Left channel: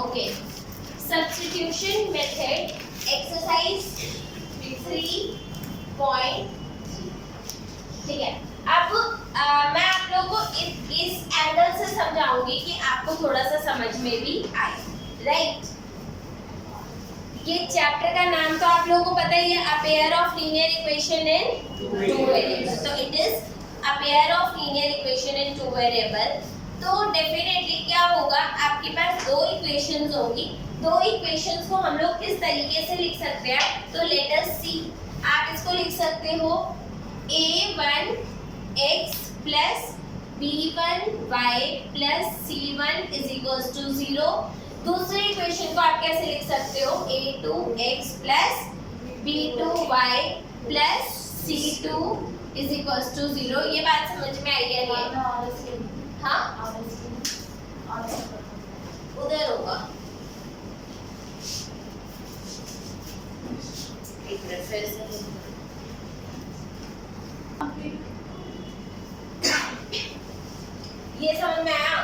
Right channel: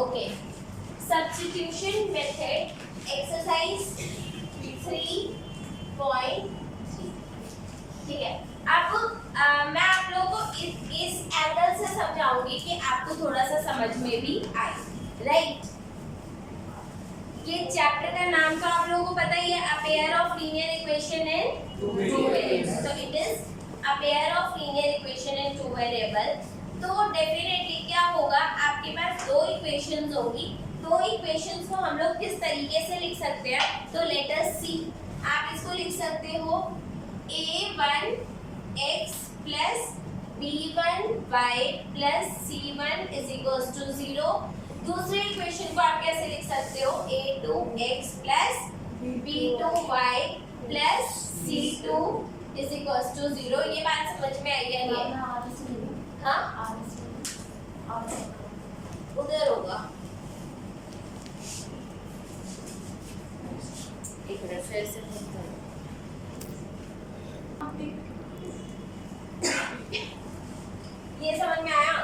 Okay, substitution method exercise 3.3। ठीक है, अब मैं आप लोगों को इस एंगल से समझाऊंगी कि आपको थोड़ा सा समझ में भी आए, राइट। ये चैप्टर का नाम तो आप लोगों को पता ही है, a pair of linear equation in two variable. तो it is a pair of linear equation in two variable. तो डेफिनेटली क्या होगा, आपके पास दो इक्वेशंस होंगी। दो इक्वेशंस को हम लोग किस तरीके से लिख सकते हैं, तो लेट अस सी। आप इसको लिख सकते हो a1x plus b1y plus c1 is equals to 0। दूसरे इक्वेशन को आप कैसे लिख सकते हो, a2x plus b2y plus c2 is equals to 0। ये बात समझ में आई है? हाँ, उधर होगा, एक मिनट फिर से ये समझ में आया?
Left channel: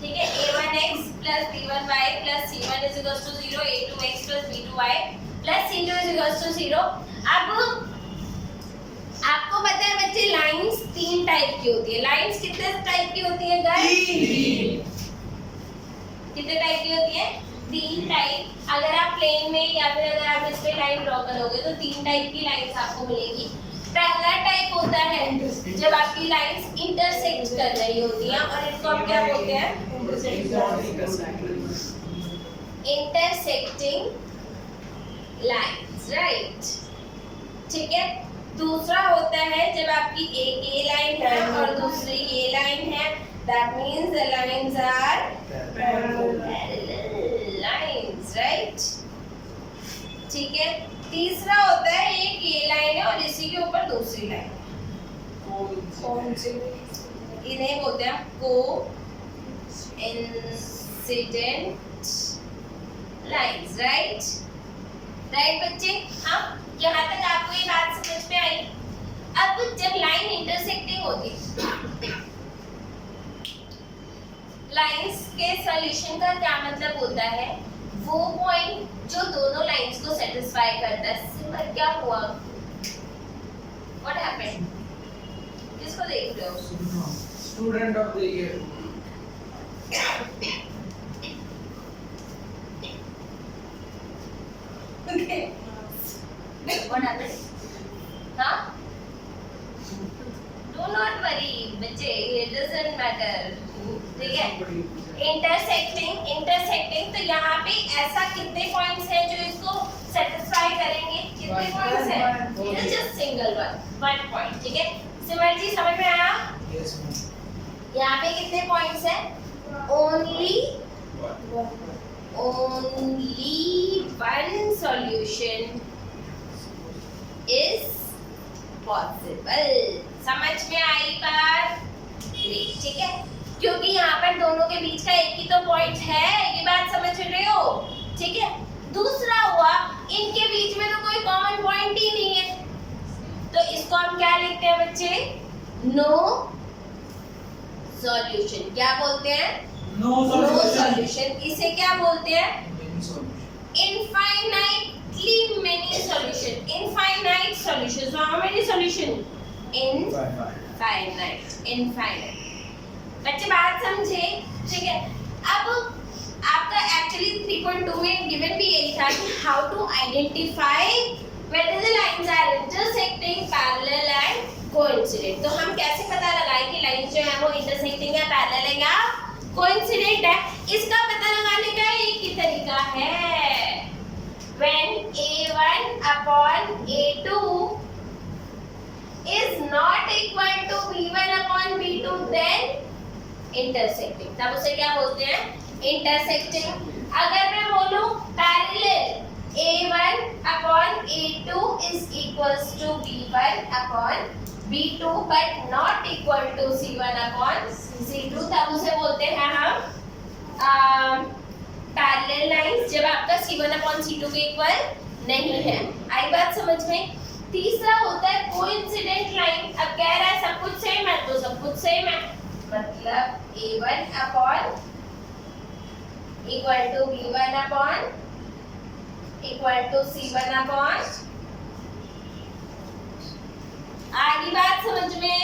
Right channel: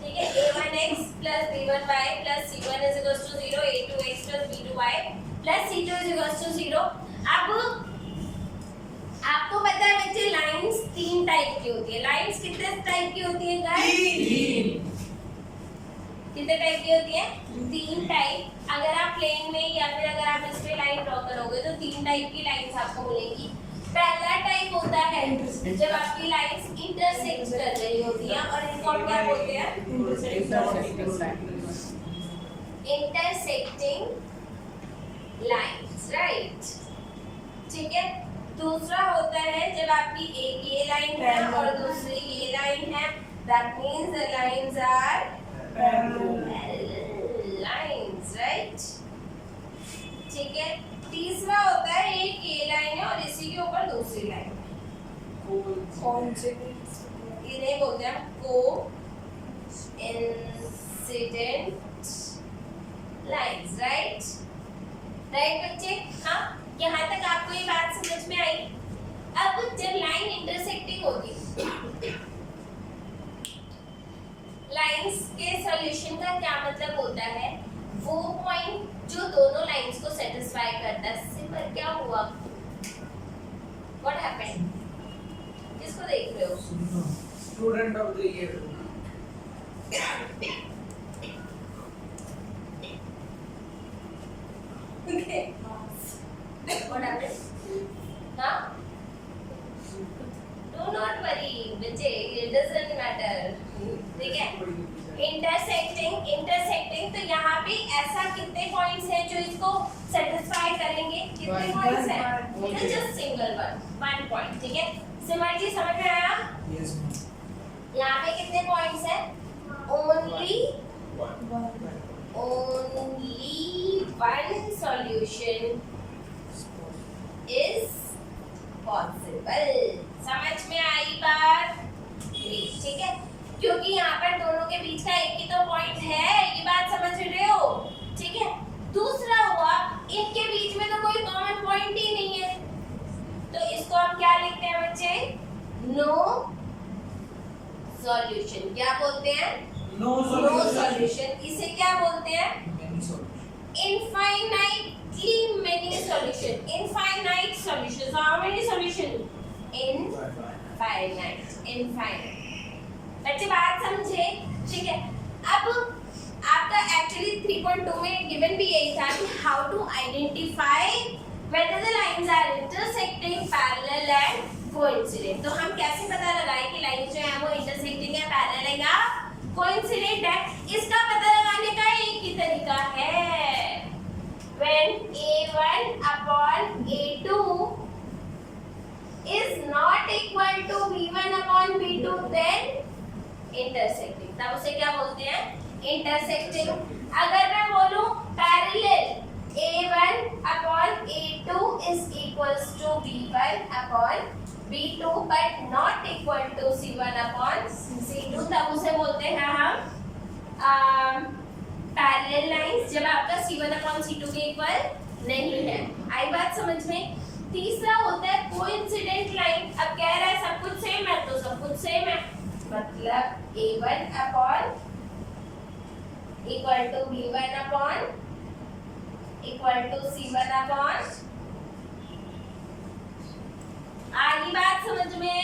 ठीक है, a1x plus b1y plus c1 is equals to 0, a2x plus b2y plus c2 is equals to 0। अब आपको पता है बच्चे, लाइंस तीन टाइप की होती है। लाइंस कितने टाइप की होती है गर्ल्स? कितने टाइप की होती है? तीन टाइप। अगर आप प्लेन में या फिर अगर आप इस पे लाइन ड्रॉ करोगे तो तीन टाइप की लाइंस आपको मिलेंगी। पहला टाइप होता है जब आपकी लाइंस इंटरसेक्ट कर रही होती हैं, और इनको हम क्या बोलते हैं? Intersecting lines, right. ठीक है। दूसरा होता है जब आपकी एक ये लाइन है और दूसरी ये लाइन है, that means the lines are parallel lines, right. ठीक है। तीसरा होता है एक ये लाइन है और इसी के ऊपर दूसरी लाइन। कौन सी? इन्हें बोलते हैं को इंसिडेंट लाइंस, राइट। राइट बच्चे? हाँ, यहाँ तक आपको ये बात समझ में आई? अब जब लाइन इंटरसेक्टिंग होती, लाइंस के सॉल्यूशन का क्या मतलब होता है, वो पॉइंट जो दोनों लाइंस को सेटिस्फाई करता है। सिंपल क्या हुआ, व्हाट हैपेंड? किसको देख रहे हो? Student of the year. Okay, what happened? हाँ, डू नॉट वरी बच्चे, इट डजंट मैटर। ठीक है, इंटरसेक्टिंग तो यहाँ पे ऐसा कितने पॉइंट्स हैं जो इसको सेटिस्फाई करेंगे? कितने पॉइंट्स हैं? Just single one point. ठीक है, सिमर जी समझ में आया? Yes ma'am. यहाँ पे कितने पॉइंट्स हैं? Only one solution is possible. समझ में आई बात? ठीक है, क्योंकि यहाँ पर दोनों के बीच का एक ही तो पॉइंट है, ये बात समझ रहे हो? ठीक है। दूसरा हुआ, इनके बीच में तो कोई कॉमन पॉइंट ही नहीं है, तो इसको हम क्या लिखते हैं बच्चे? No solution. क्या बोलते हैं? No solution. इसे क्या बोलते हैं? infinitely many solution, infinite solution. So how many solution? Infinite. बच्चे बात समझे? ठीक है। अब आपका एक्चुअली 3.2 में गिवन भी यही था कि how to identify whether the lines are intersecting, parallel and coincident। तो हम कैसे पता लगाएं कि लाइंस जो है वो इंटरसेक्टिंग है, पैरेलल है या कोइंसिडेंट है? इसका पता लगाने का एक ही तरीका है, when a1 upon a2 is not equal to b1 upon b2 then intersecting। तब उसे क्या बोलते हैं? इंटरसेक्टिंग। अगर मैं बोलूं parallel a1 upon a2 is equals to b1 upon b2 but not equal to c1 upon c2, तब उसे बोलते हैं हम पैरेलल लाइंस, जब आपका c1 upon c2 के इक्वल नहीं है। आई बात समझ में? तीसरा होता है कोइंसिडेंट लाइन। अब कह रहा है सब कुछ सेम है तो सब कुछ सेम है, मतलब a1 upon equal to B1 upon equal to C1 upon. आगे बात समझ में?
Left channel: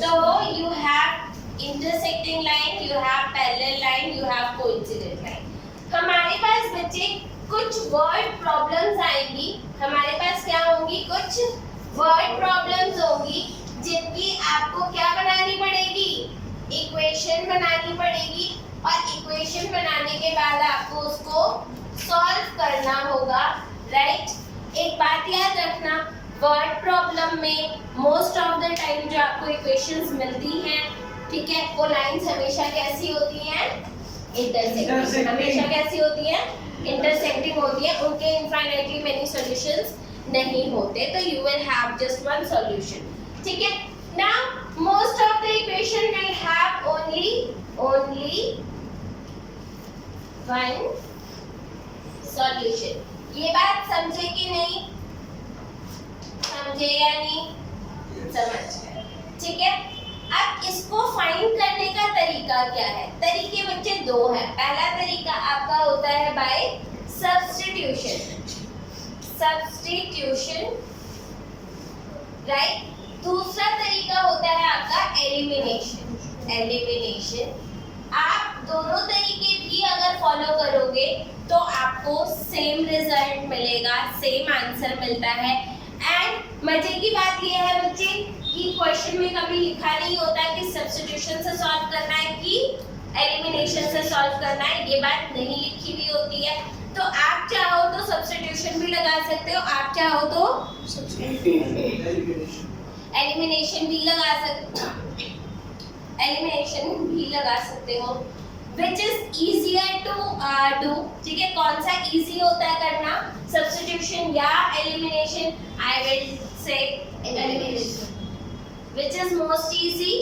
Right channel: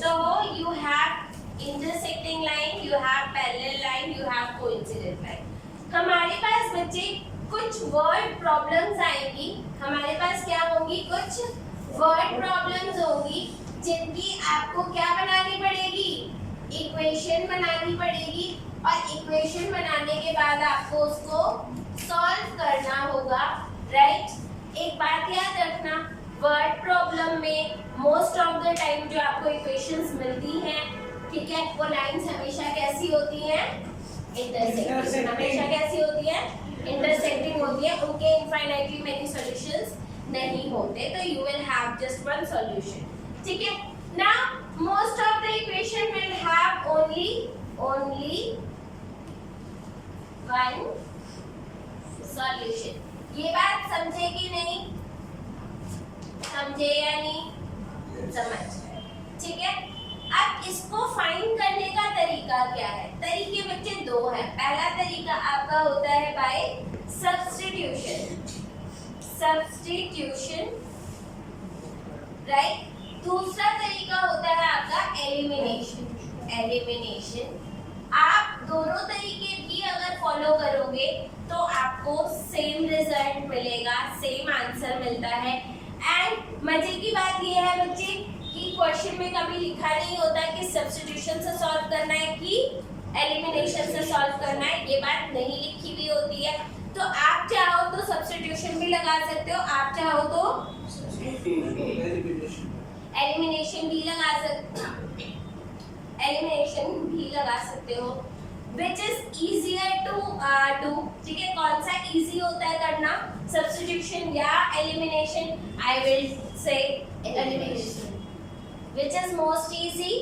तो you have intersecting line, you have parallel line, you have coincident line। हमारे पास बच्चे कुछ वर्ड प्रॉब्लम्स आएंगी, हमारे पास क्या होंगी? कुछ वर्ड प्रॉब्लम्स होंगी जिनकी आपको क्या बनानी पड़ेगी? इक्वेशन बनानी पड़ेगी, और इक्वेशन बनाने के बाद आपको उसको सॉल्व करना होगा, राइट? एक बात याद रखना, वर्ड प्रॉब्लम में मोस्ट ऑफ द टाइम जो आपको इक्वेशंस मिलती हैं, ठीक है, वो लाइंस हमेशा कैसी होती हैं? इंटरसेक्टिंग। हमेशा कैसी होती हैं? इंटरसेक्टिंग होती है, उनके इनफाइनाइटली मेनी सॉल्यूशंस नहीं होते, तो you will have just one solution, ठीक है? Now most of the equation will have only one solution. ये बात समझे कि नहीं? समझे या नहीं? समझ, ठीक है? अब इसको फाइंड करने का तरीका क्या है? तरीके बच्चे दो हैं। पहला तरीका आपका होता है बाय सब्स्टिट्यूशन, राइट? दूसरा तरीका होता है आपका एलिमिनेशन। आप दोनों तरीके भी अगर फॉलो करोगे तो आपको सेम रिजल्ट मिलेगा, सेम आंसर मिलता है। एंड मजे की बात यह है बच्चे कि क्वेश्चन में कभी लिखा नहीं होता कि सब्स्टिट्यूशन से सॉल्व करना है कि एलिमिनेशन से सॉल्व करना है, ये बात नहीं लिखी हुई होती है। तो आप चाहो तो सब्स्टिट्यूशन भी लगा सकते हो, आप चाहो तो एलिमिनेशन भी लगा सकते हो, which is easier to do, ठीक है? कौन सा इजी होता है करना, सब्स्टिट्यूशन या elimination? I will say elimination, which is most easy,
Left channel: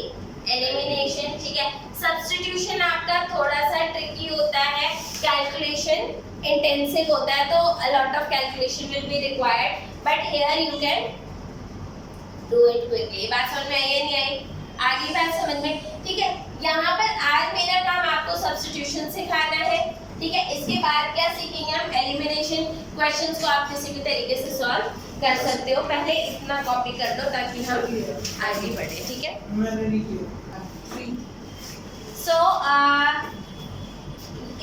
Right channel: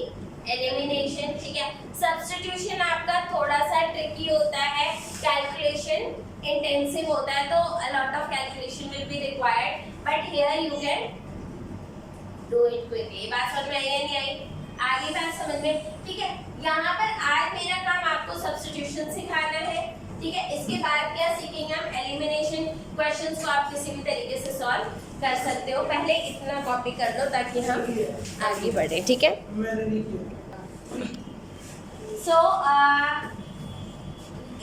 elimination, ठीक है? सब्स्टिट्यूशन आपका थोड़ा सा ट्रिकी होता है, कैलकुलेशन इंटेंसिव होता है, तो a lot of calculation will be required, but here you can do it quickly। बात समझ में आई या नहीं आई? आगे बात समझ में, ठीक है? यहाँ पर आज मेरा काम आपको सब्स्टिट्यूशन सिखाना है, ठीक है? इसके बाद क्या सीखेंगे हम? एलिमिनेशन क्वेश्चंस को आप किसी भी तरीके से सॉल्व कर सकते हो। पहले इतना कॉपी कर लो ताकि हम आगे बढ़े, ठीक है? मैंने नहीं किया। सो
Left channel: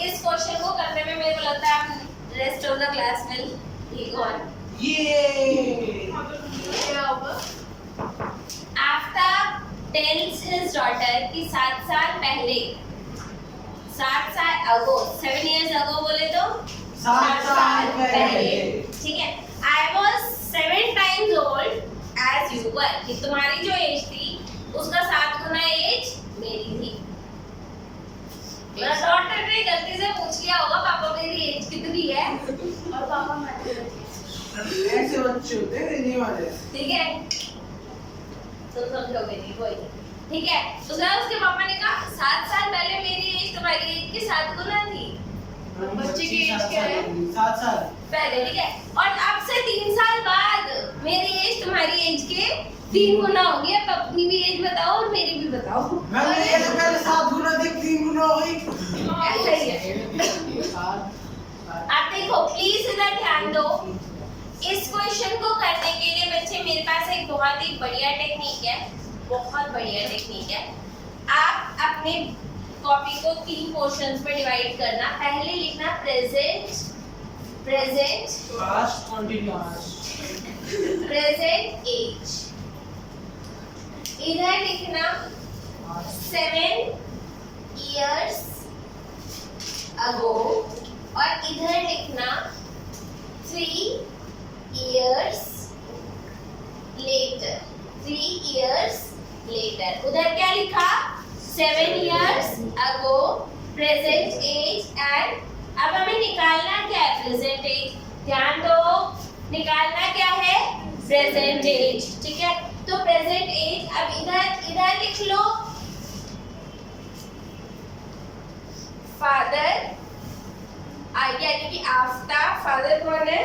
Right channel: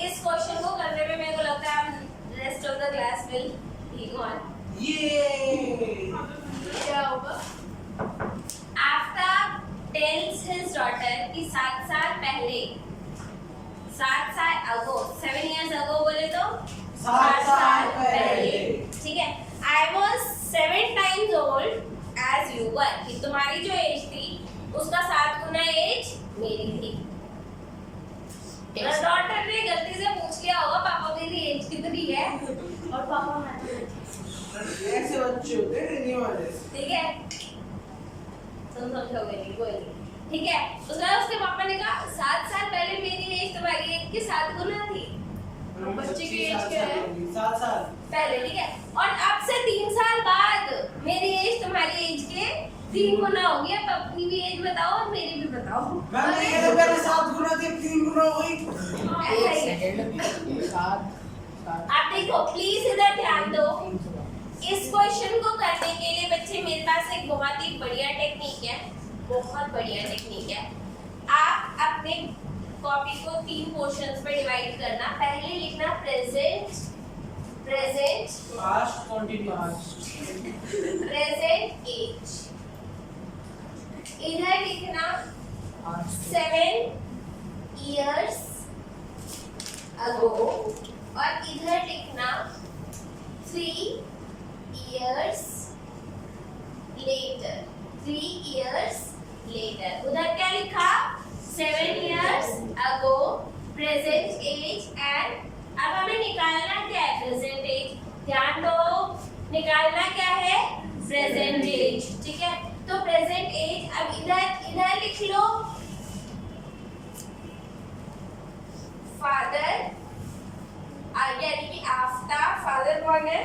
इस क्वेश्चन को करने में मेरे को लगता है rest of the class will go on. क्या होगा? आफ्टर tells his daughter कि 7 साल पहले, 7 साल ago, 7 years ago बोले तो 7 साल पहले, ठीक है? I was 7 times old as you were, कि तुम्हारी जो एज थी उसका 7 गुना एज मेरी थी। डॉक्टर ने गलती से पूछ लिया होगा पापा मेरी एज कितनी है, और पापा ऐसे बच्चे होते हैं नहीं वाले, ठीक है? तुम समझोगे नहीं, कोई नहीं, ठीक है? तो उसके पापा ने कहा 7 साल पहले मेरी एज तुम्हारी एज के 7 गुना थी। बच्चे की एज क्या है? 7 साल पहले, ठीक है? और अब से 3 साल बाद मेरी एज तुम्हारी एज के 3 गुना हो गई। अब अपनी भी एज बताओ और मेरी भी बताओ। मैंने ये तो पहले 7 गुना थी, 3 गुना हो गई। ऐसा ही है। आप देखो, प्लीज इधर ध्यान दो। इस क्वेश्चन को करने के लिए बच्चे मेरे पास एक बहुत ही बढ़िया टेक्निक है, बहुत बढ़िया टेक्निक है। आप अपने कॉपी को 3 पोर्शंस में डिवाइड करना। पहले लिखना present, past continuous, present age. इधर लिखना 7 years ago, और इधर लिखना 3 years later, 3 years later। उधर क्या लिखा? 7 years ago, present age, and अब हमें निकालना क्या है? Present age. ध्यान दो, निकालना क्या है? प्रेजेंट एज, ठीक है? तो प्रेजेंट एज, अब इधर लिख लो फादर, यानी कि आफ्टर। फादर कौन है?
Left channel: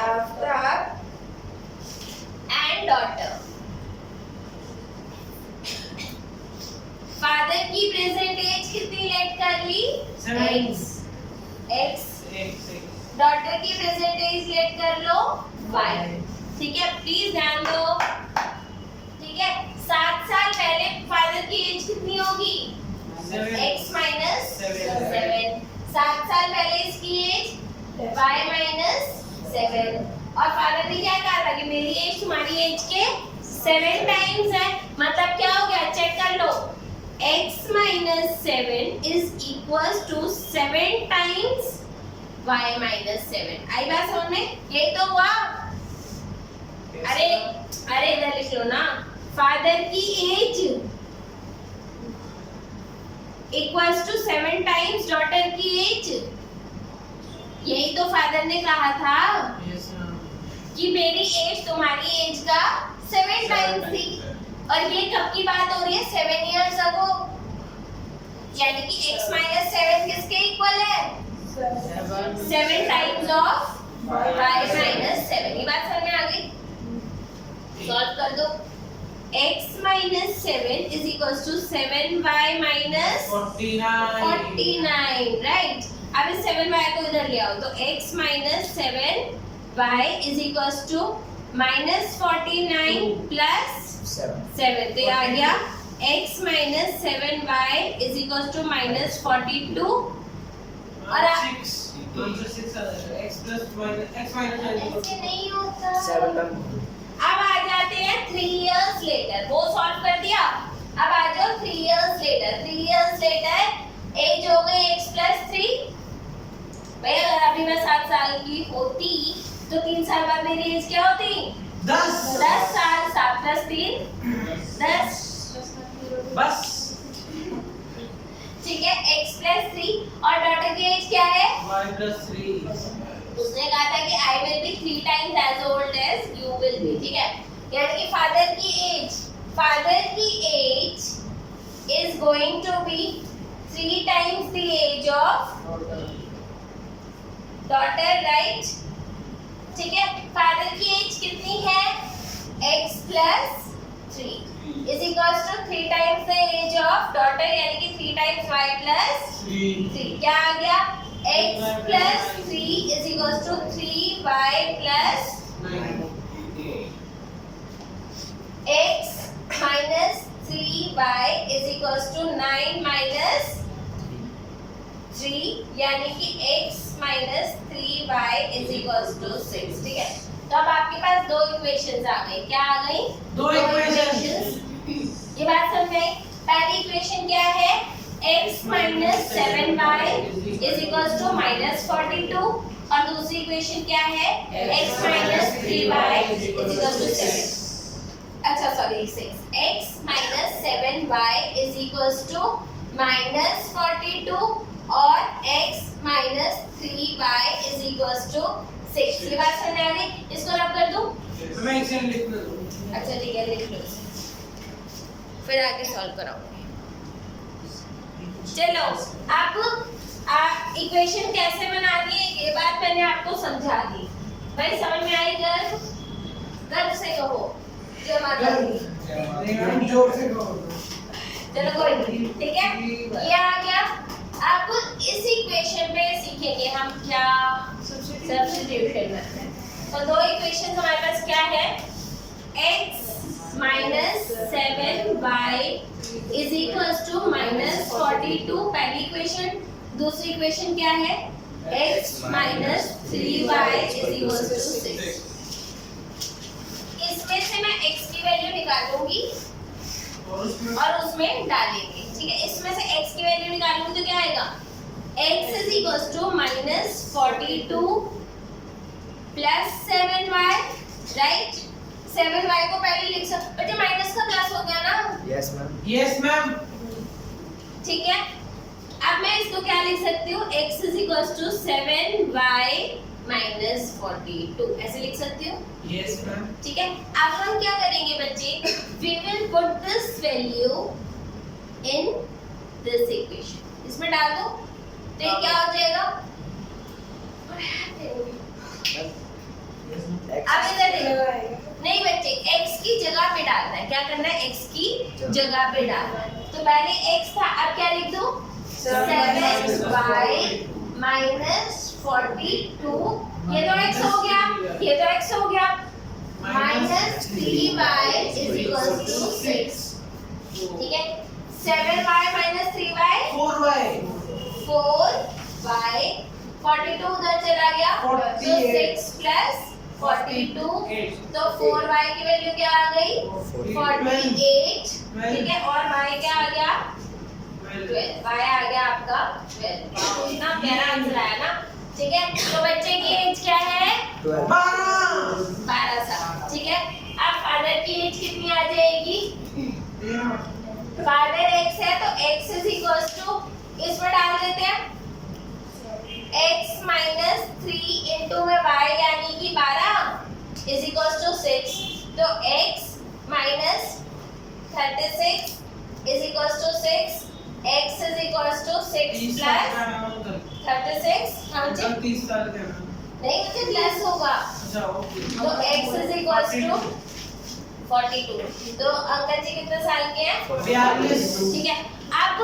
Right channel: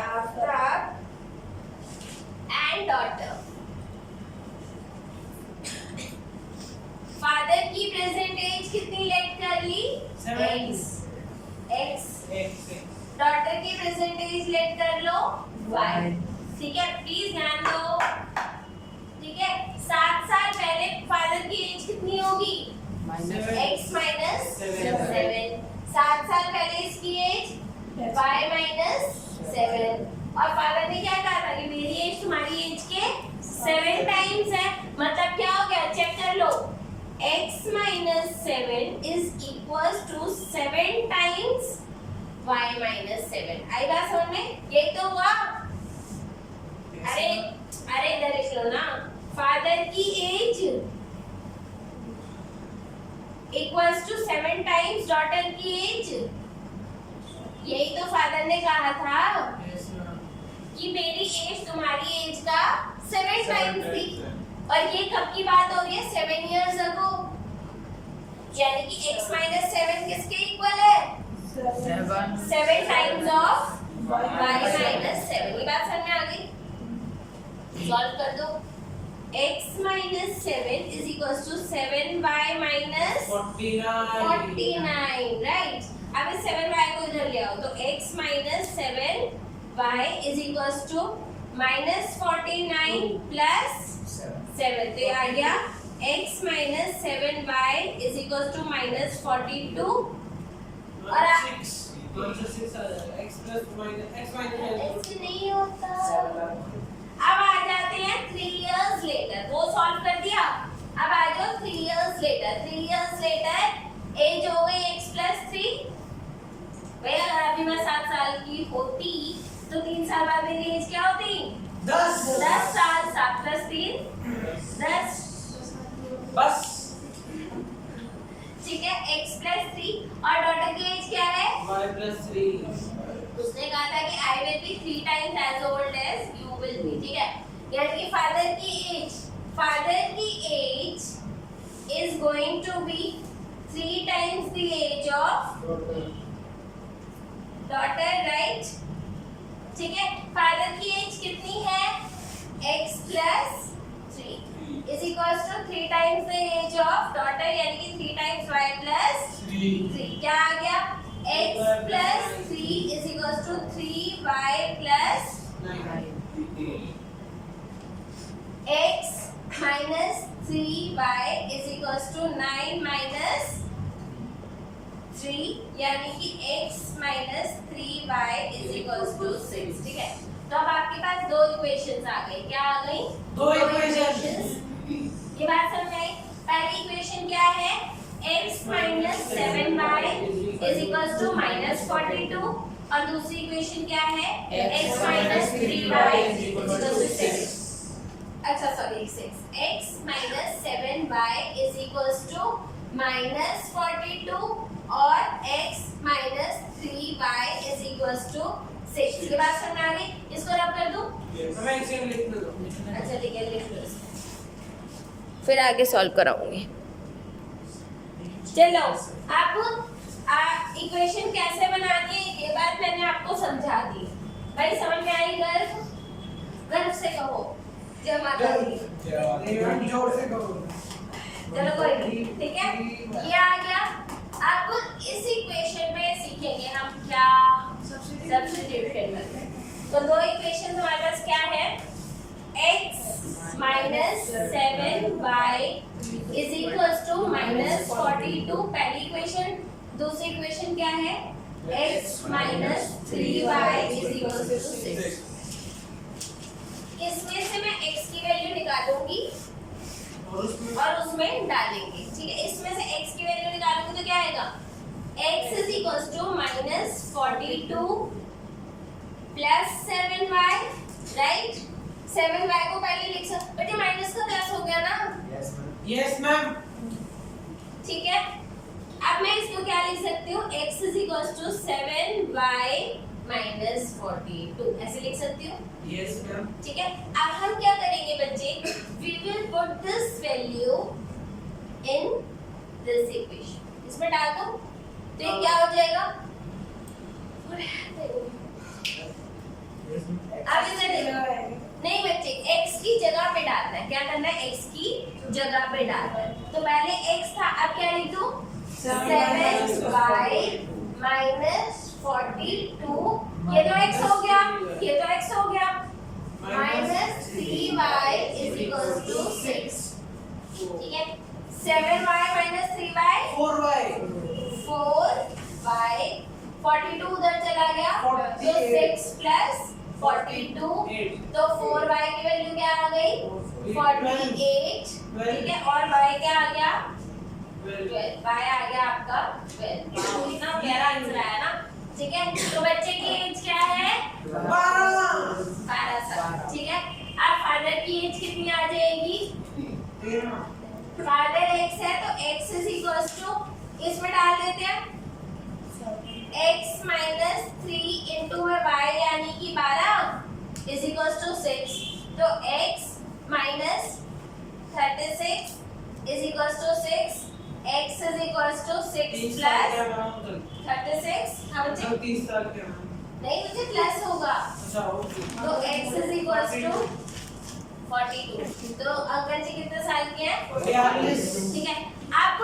After and daughter. फादर की प्रेजेंट एज कितनी लेट कर ली? x x डॉटर की प्रेजेंट एज लेट कर लो y, ठीक है। प्लीज ध्यान दो, ठीक है। 7 साल पहले फादर की एज कितनी होगी? x minus 7। 7 साल पहले इसकी एज y माइनस 7। और फादर ने क्या कहा था कि मेरी एज तुम्हारी एज के 7 टाइम्स है। मतलब क्या हो गया, चेक कर लो, x minus 7 is equal to 7 times y minus 7। आई बात समझ में? यही तो हुआ। अरे इधर लिख लो ना, फादर की age equals to 7 times daughter की एज। यही तो फादर ने कहा था कि मेरी एज तुम्हारी एज का 7 टाइम्स थी। और ये कब की बात हो रही है? 7 इयर्स अगो। यानी कि x माइनस 7 किसके इक्वल है? 7 टाइम्स ऑफ y माइनस 7। ये बात समझ में आ गई? सॉल्व कर दो। x minus 7 is equal to 7y minus 49, right. अब इस 7y को इधर ले आओ, तो x minus 7y is equal to minus 49 plus 7। तो ये आ गया x minus 7y is equal to minus 42। और ऐसे नहीं होता। अब आ जाते हैं 3 इयर्स लेटर। वो सॉल्व कर दिया। अब आ जाओ 3 years later. 3 years later age हो गई x प्लस 3। भाई अगर अभी मैं 7 साल की होती तो 3 साल बाद मेरी एज क्या होती? 10 साल। 7 प्लस 3 10 बस, ठीक है। x प्लस 3 और डॉटर की एज क्या है? y plus 3। उसने कहा था कि I will be 3 times as old as you will be, ठीक है। यानी कि फादर की as is going to be 3 times the age of daughter, right? ठीक है। फादर की एज कितनी है? x plus 3 is equals to 3 times the age of daughter, यानी कि 3 times y plus 3। क्या आ गया? x plus 3 is equals to 3y plus 9। x minus 3y is equals to 9 minus 3, यानी कि x minus 3y is equals to 6, ठीक है। तो अब आपके पास दो इक्वेशंस आ गई। क्या आ गई? दो इक्वेशंस। ये बात समझ में आई? पहली इक्वेशन क्या है? x minus 7y is equals to minus 42। और दूसरी इक्वेशन क्या है? x minus 3y is equals to 6। अच्छा sorry 6। x minus 7y is equals to minus 42 और x minus 3y is equals to 6। ये बात समझ में आ गई? इसको रब कर दूं? मैं एक सेकंड लिख लूं। अच्छा ठीक है, लिख लो इसे, फिर आगे सॉल्व कराऊंगी। चलो अब इक्वेशन कैसे बनानी है ये बात मैंने आपको समझा दी। भाई समझ में आई? गर्व से कहो जय माता दी। जोर से कहो। चलो कोई नहीं, ठीक है। ये आ गया। आपको इस इक्वेशन में सीखेंगे हम क्या? Substitution method. तो दो इक्वेशन हमारे पास क्या है? x minus 7y is equals to minus 42 पहली इक्वेशन। दूसरी इक्वेशन क्या है? x minus 3y is equals to 6। इसमें से मैं x की वैल्यू निकालूंगी और उसमें डालेंगे, ठीक है। इसमें से x की वैल्यू निकालूंगी तो क्या आएगा? x is equals to minus 42 plus 7y, right? 7y को पहले लिख सकते, बेटा माइनस का प्लस हो गया ना? Yes ma'am. ठीक है। अब मैं इसको क्या लिख सकती हूँ? x is equals to 7y minus 42 ऐसे लिख सकती हूँ? Yes ma'am. ठीक है। अब हम क्या करेंगे बच्चे? We will put this value in this equation। इसमें डाल दो तो ये क्या हो जाएगा? अब इधर देखो, नहीं बच्चे x की जगह पे डालना है। क्या करना है? x की जगह पे डालना है। तो पहले x था, अब क्या लिख दूं? 7y minus 42, ये तो x हो गया, ये तो x हो गया, minus 3y is equals to 6, ठीक है। 7y minus 3y 4y 4y, 42 उधर चला गया, तो 6 plus 42, तो 4y की वैल्यू क्या आ गई 48, ठीक है, और y क्या आ गया 12, y आ गया आपका 12, इतना प्यारा आंसर आया ना, ठीक है। तो बच्चे की एज क्या है 12 साल, ठीक है। अब फादर की एज कितनी आ जाएगी, फादर x है तो x इज इक्वल्स टू, इसमें डाल देते हैं x माइनस 3 इंटू में y यानी कि 12 इज इक्वल्स टू 6, तो x minus 36 is equals to 6, x is equals to 6 plus 36, हाँ जी 30 साल के नहीं मुझे प्लस होगा, तो x इज इक्वल्स टू 42, तो अंकल जी कितने साल के हैं 42, ठीक है। अब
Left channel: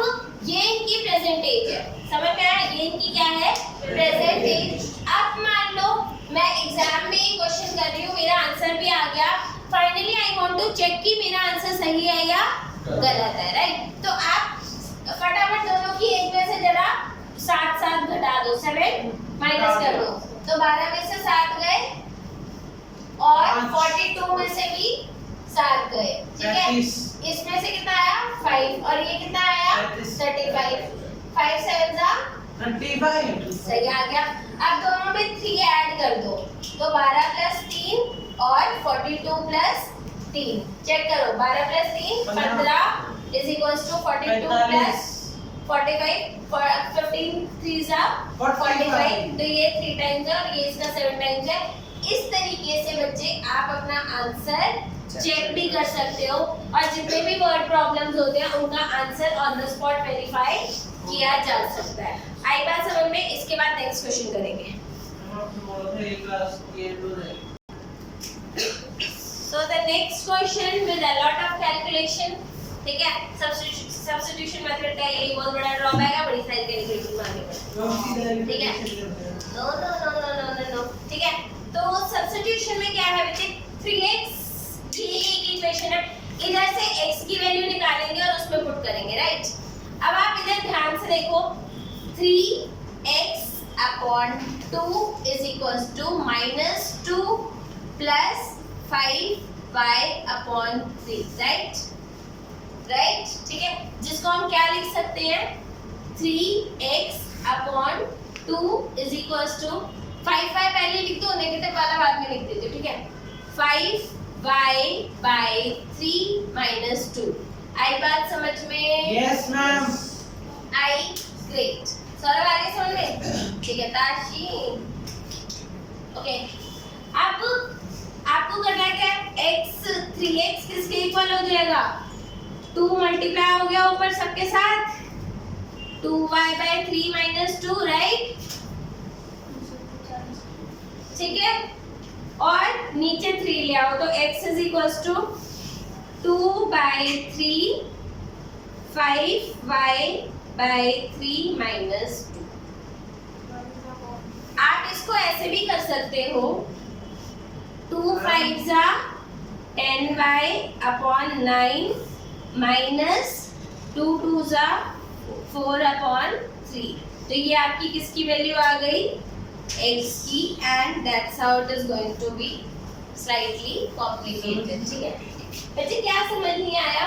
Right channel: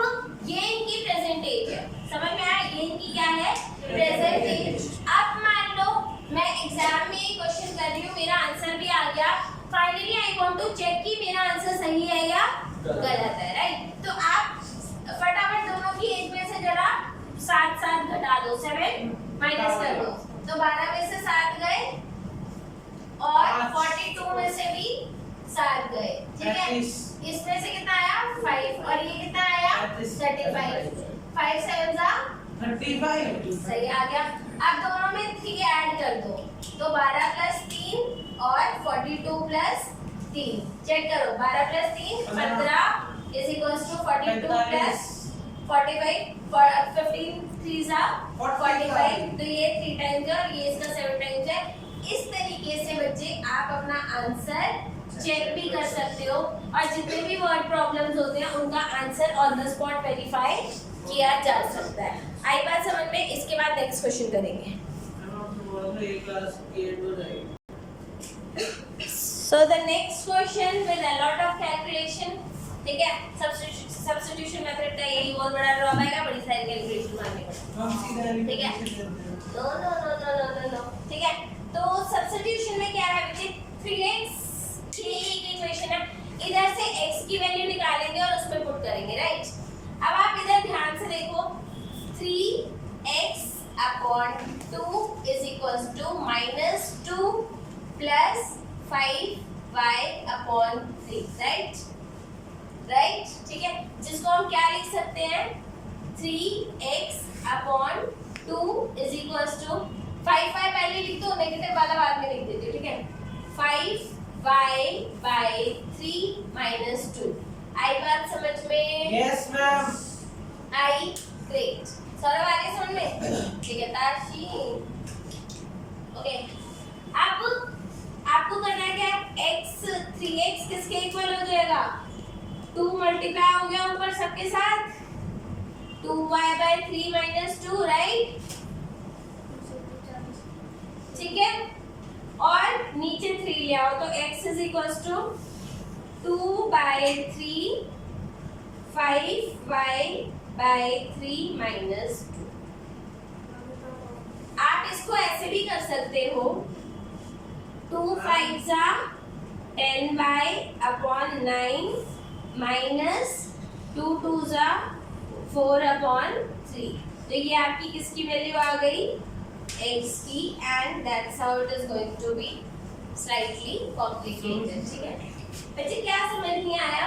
ये इनकी प्रेजेंट एज है, समझ में आया, ये इनकी क्या है प्रेजेंट एज। अब मान लो मैं एग्जाम में क्वेश्चन कर रही हूँ, मेरा आंसर भी आ गया, finally I want to check कि मेरा आंसर सही है या गलत है, राइट। तो आप फटाफट दोनों की एज में से जरा 7 घटा दो, 7 माइनस कर दो, तो 12 में से 7 गए और 42 में से भी 7 गए, ठीक है। इसमें से कितना आया 5 और ये कितना आया 35, 5 7 जा 35, सही आ गया। अब दोनों में 3 ऐड कर दो, तो 12 प्लस 3 और 42 प्लस 3, चेक करो 12 plus 3 15 is equals to 42 plus 45, 15 3 जा 45, तो ये 3 टाइम्स है और ये इसका 7 टाइम्स है। इस तरीके से बच्चे आप अपना आंसर चेक भी कर सकते हो और जितने भी वर्ड प्रॉब्लम्स होते हैं उनका answer on the spot verify किया जा सकता है। आई बात समझ में, इसके बाद नेक्स्ट क्वेश्चन करेंगे। So the next question with a lot of calculation, ठीक है। सब्स्टिट्यूशन मेथड का यही बहुत बड़ा ड्रॉबैक है, बड़ी सारी कैलकुलेशन मारनी पड़ती है, ठीक है। नो, ठीक है। तो सब्स्टिट्यूशन में क्या है बच्चे, 3x की एक इक्वेशन है, इधर से x की वैल्यू निकालेंगे और उसमें पुट करेंगे, राइट। अब आप इधर ध्यान से देखो, 3x upon 2 is equals to minus 2 plus 5y upon 3, right, ठीक है। जिसको हम क्या लिख सकते हैं 3x upon 2 is equals to 5 पहले लिख दो, नेगेटिव वाला बाद में लिख देते, ठीक है। 5y by 3 minus 2, आई बात समझ में? Yes ma'am. आई, ग्रेट। सौरभ आगे समझ में, ठीक है। ताशी, ओके। अब आपको करना है क्या, x 3x किसके इक्वल हो जाएगा 2 मल्टीप्लाई हो गया ऊपर सबके साथ 2y by 3 minus 2, राइट, ठीक है। और नीचे 3 ले आओ, तो x is equals to 2 by 3 5y by 3 minus 2। आप इसको ऐसे भी कर सकते हो, 2 5 जा 10y अपॉन 9 माइनस 2 2 जा 4 अपॉन 3, तो ये आपकी किसकी वैल्यू आ गई x की, and that's how it is going to be slightly complicated, ठीक है। बच्चे क्या समझ नहीं आया,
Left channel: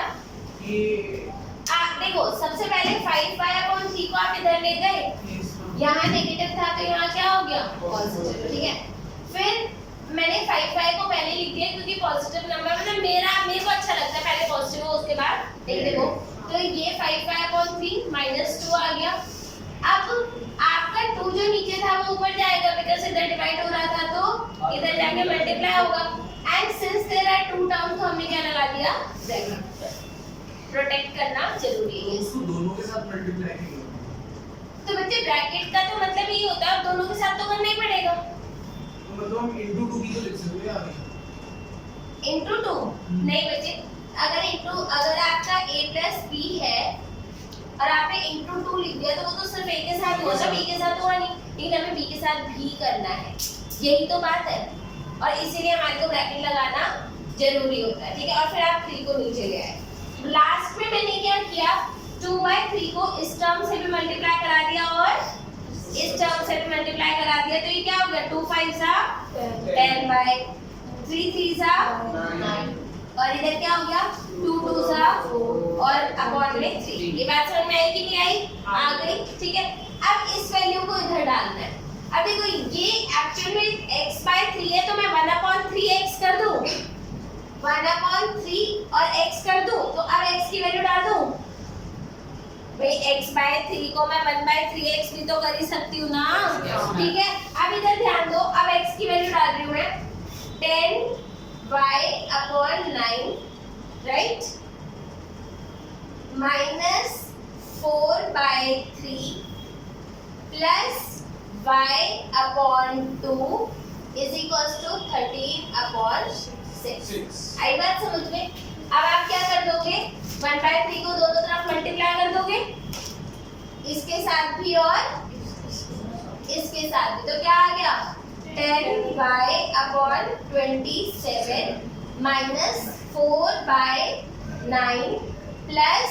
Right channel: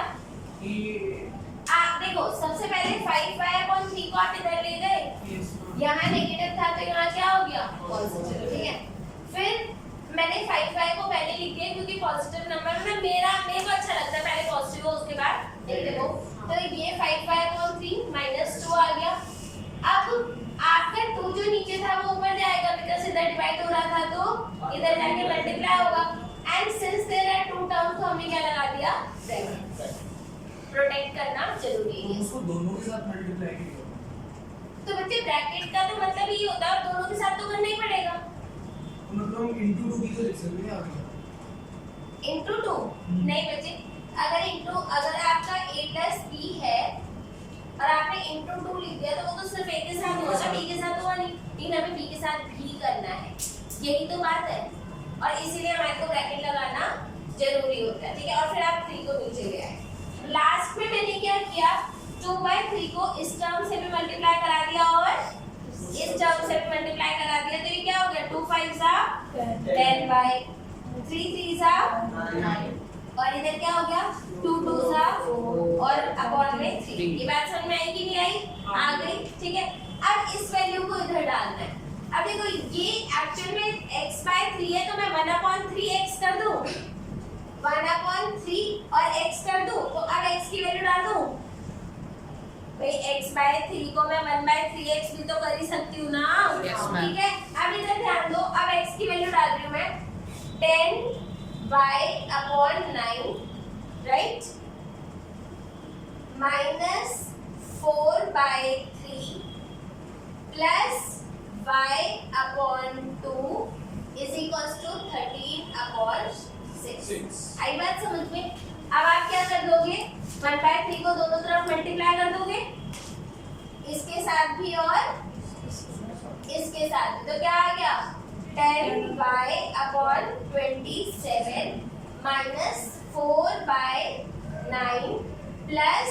आप देखो सबसे पहले 5y अपॉन 3 को आप इधर ले गए, यहाँ नेगेटिव था तो यहाँ क्या हो गया पॉजिटिव, ठीक है। फिर मैंने 5y को पहले लिख दिया क्योंकि पॉजिटिव नंबर मतलब मेरे को अच्छा लगता है पहले पॉजिटिव हो उसके बाद नेगेटिव हो, तो ये 5y अपॉन 3 माइनस 2 आ गया। अब आपका 2 जो नीचे था वो ऊपर जाएगा बिकॉज़ इधर डिवाइड हो रहा था तो इधर जाके मल्टीप्लाई होगा, and since there are 2 terms तो हमने क्या लगा दिया ब्रैकेट, प्रोटेक्ट करना जरूरी है उसको दोनों के साथ मल्टीप्लाई किया, तो बच्चे ब्रैकेट का तो मतलब ये होता है दोनों के साथ तो करना ही पड़ेगा, तो मतलब हम इनटू 2 की तो लिख सकते हैं आगे, इनटू 2 नहीं बच्चे, अगर आपका a प्लस b है और आपने इंटू 2 लिख दिया तो वो तो सिर्फ ए के साथ हुआ था, बी के साथ हुआ नहीं, लेकिन हमें बी के साथ भी करना है, यही तो बात है। और इसीलिए हमारे को ब्रैकेट लगाना जरूरी होता है, ठीक है। और फिर आप 3 को नीचे ले आए। लास्ट में मैंने क्या किया, 2/3 को इस टर्म से भी मल्टीप्लाई करा दिया और इस टर्म से भी मल्टीप्लाई करा दिया, तो ये क्या हो गया, 2 5 सा 10/3, 3 सा 9, और इधर क्या हो गया, 2 2 सा और अपॉन में 3। ये बात समझ में आई कि नहीं आई? आ गई, ठीक है। अब इस वैल्यू को इधर डालना है। अब देखो ये एक्चुअल में x/3 है, तो मैं 1/3x कर दूं, 1/3 और x कर दूं, तो अब x की वैल्यू डाल दूं भाई, x/3 को मैं 1/3x भी तो कर ही सकती हूँ ना, ठीक है। अब इधर ध्यान दो, अब x की वैल्यू डाल रही हूँ मैं 10y/9, right, -4/3 plus y/2 is equals to 13/6। आई बात समझ में? अब आप क्या कर दोगे, 1/3 को दोनों तरफ मल्टीप्लाई कर दोगे, इसके साथ भी और इसके साथ भी, तो क्या आ गया, 10y/27 -4/9 plus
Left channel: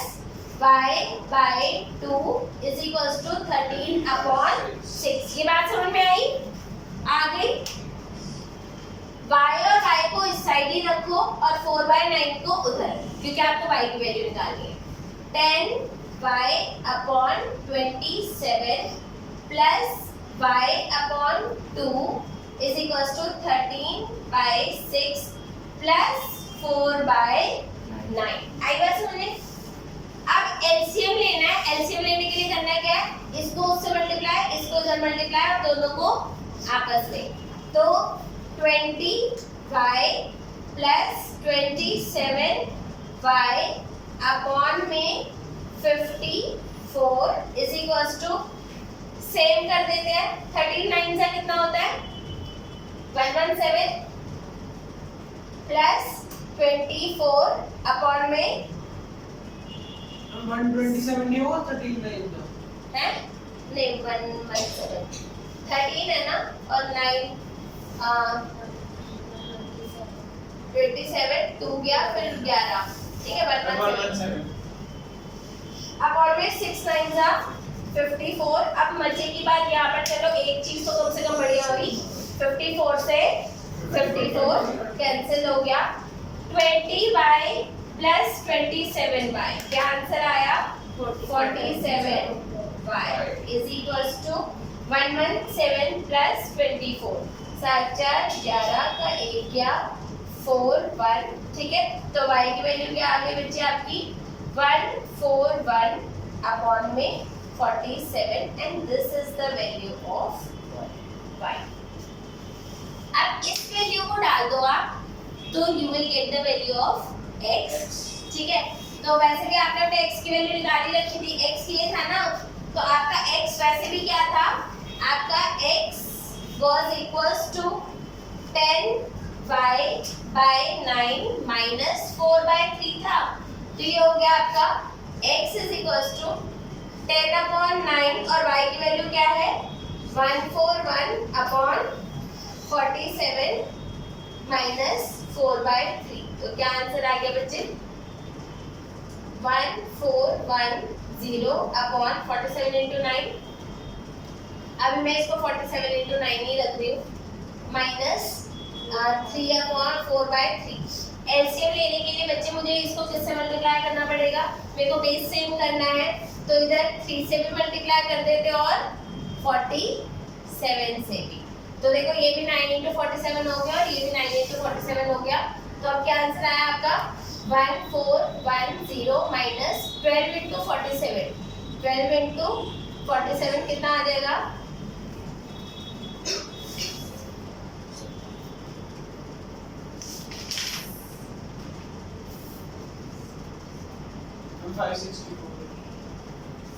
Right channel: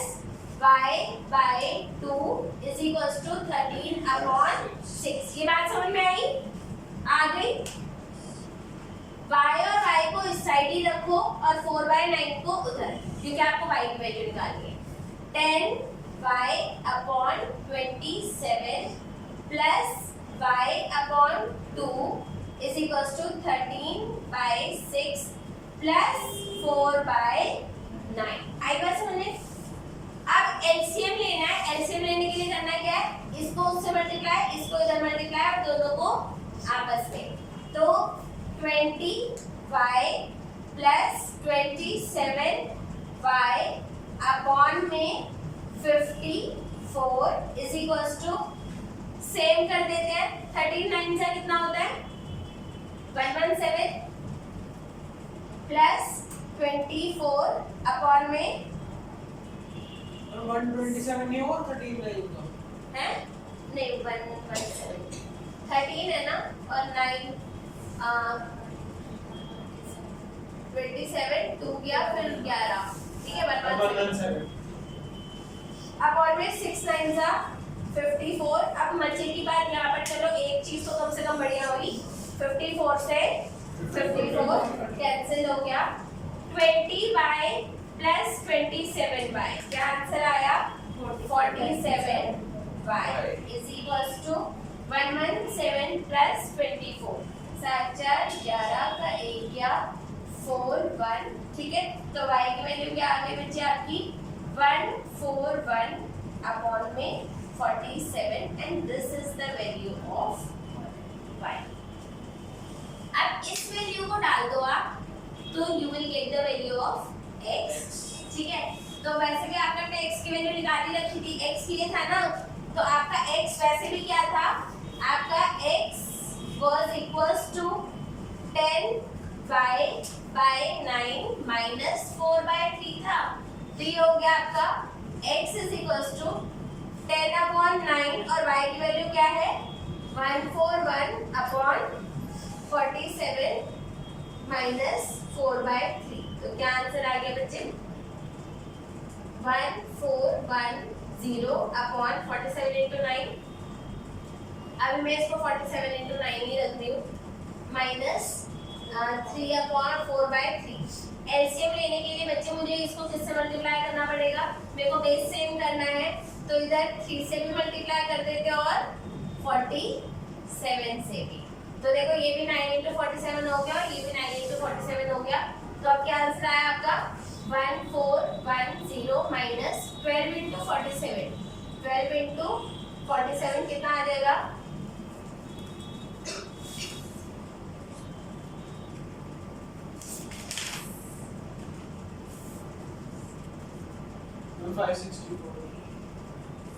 y/2 is equals to 13/6। ये बात समझ में आई? आ गई। y और y को इस साइड ही रखो और 4/9 को उधर, क्योंकि आपको y की वैल्यू निकालनी है। 10y/27 plus y/2 is equals to 13/6 plus 4/9। आई बात समझे? अब एलसीएम लेना है, एलसीएम लेने के लिए करना क्या है, इसको उससे मल्टीप्लाई, इसको इधर मल्टीप्लाई, और दोनों को आपस में, तो 20y प्लस 27y अपॉन में 54 इज इक्वल्स टू, सेम कर देते हैं, 39 से कितना होता है, 117 प्लस 24 अपॉन में 127 नहीं होगा, 13 नहीं होगा, है नहीं, 117 13 है ना, और 9 27 2 गया, फिर 11, ठीक है, 117 अपॉन में 6 9 जा 54। अब मजे की बात यहाँ पर, चलो एक चीज तो कम से कम बढ़िया हुई, 54 से 54 कैंसिल हो गया, 20y प्लस 27y, क्या आंसर आया, 47y is equals to 117 plus 24, 7 4 11 का 1 गया 4 1, ठीक है। तो y की वैल्यू क्या आ गई बच्चे आपकी, 141 अपॉन में 47, and this is the value of y। अब इस वैल्यू को डाल दो आप, तो you will get the value of x, ठीक है। तो वैसे भी आपने अपने x की वैल्यू निकाली रखी थी, x ये था ना, तो आपका x वैसे भी क्या था, आपका x was equals to 10y/9 minus 4/3 था, तो ये हो गया आपका x is equals to 10/9, और y की वैल्यू क्या है, 141 अपॉन 47 माइनस 4/3, तो क्या आंसर आ गया बच्चे, 1410 अपॉन 47 इंटू 9, अभी मैं इसको 47 इंटू 9 ही रख रही हूँ, माइनस 3/4/3। एलसीएम लेने के लिए बच्चे मुझे इसको किससे मल्टीप्लाई करना पड़ेगा, मेरे को बेस सेम करना है, तो इधर 3 से भी मल्टीप्लाई कर देते और 47 से भी, तो देखो ये भी 9 इंटू 47 हो गया और ये भी 9 इंटू 47 हो गया, तो अब क्या आंसर आया आपका, 1410 माइनस 12 इंटू 47, 12 इंटू 47 कितना आ जाएगा,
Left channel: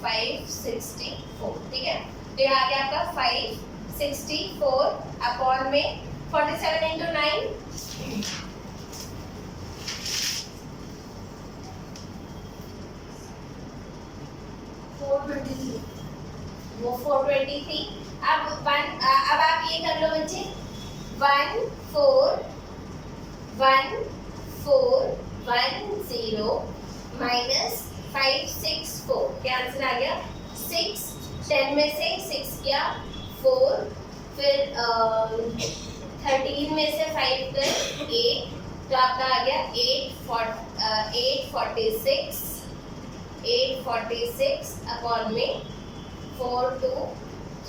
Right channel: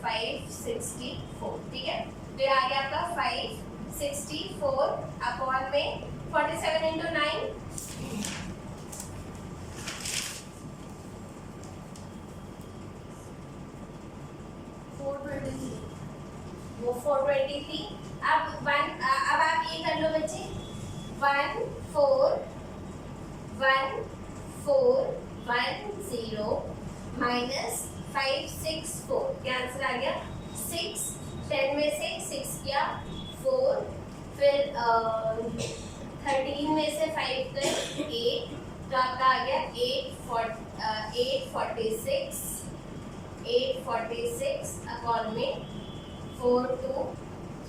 564, ठीक है। तो ये आ गया आपका 564 अपॉन में 47 इंटू 9, 423। अब आप ये कर लो बच्चे, 1 4 1 4 1 0 माइनस 5 6 4, क्या आंसर आ गया 6। 10 में से 6 किया 4, फिर 13 में से 5 कर 8, तो आपका आ गया 846 अपॉन में 4 2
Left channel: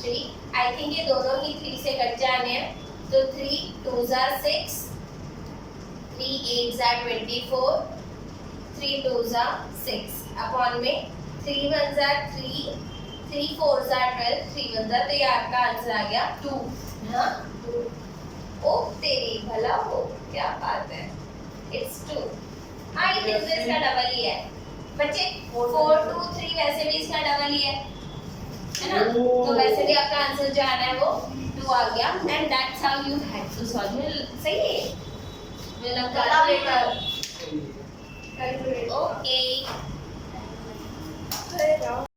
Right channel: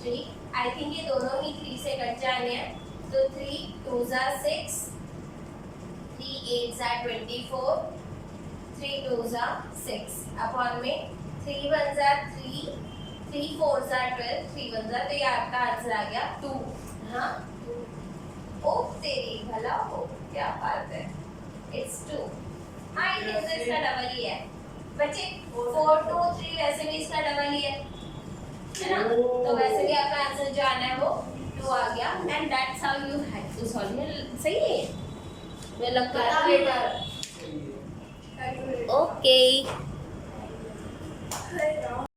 3। आई थिंक ये दोनों ही 3 से कट जाने हैं, तो 3 2 जा 6, 3 8 जा 24, 3 2 जा 6 अपॉन में 3 1 जा 3, 3 4 जा 12, 3 1 जा, तो ये आपका आंसर आ गया 2। हाँ 2। ओ तेरी भला हो, क्या बात है, इट्स 2। हाँ ये तो इसका डबल ही है बच्चे, 4 2 3 वैसे भी इसका डबल ही है ना, तो वैसे भी आपका आंसर जो आना है वो 2 आ गया। And that's how you had to solve. सही है, मुझे लगता है। ओके।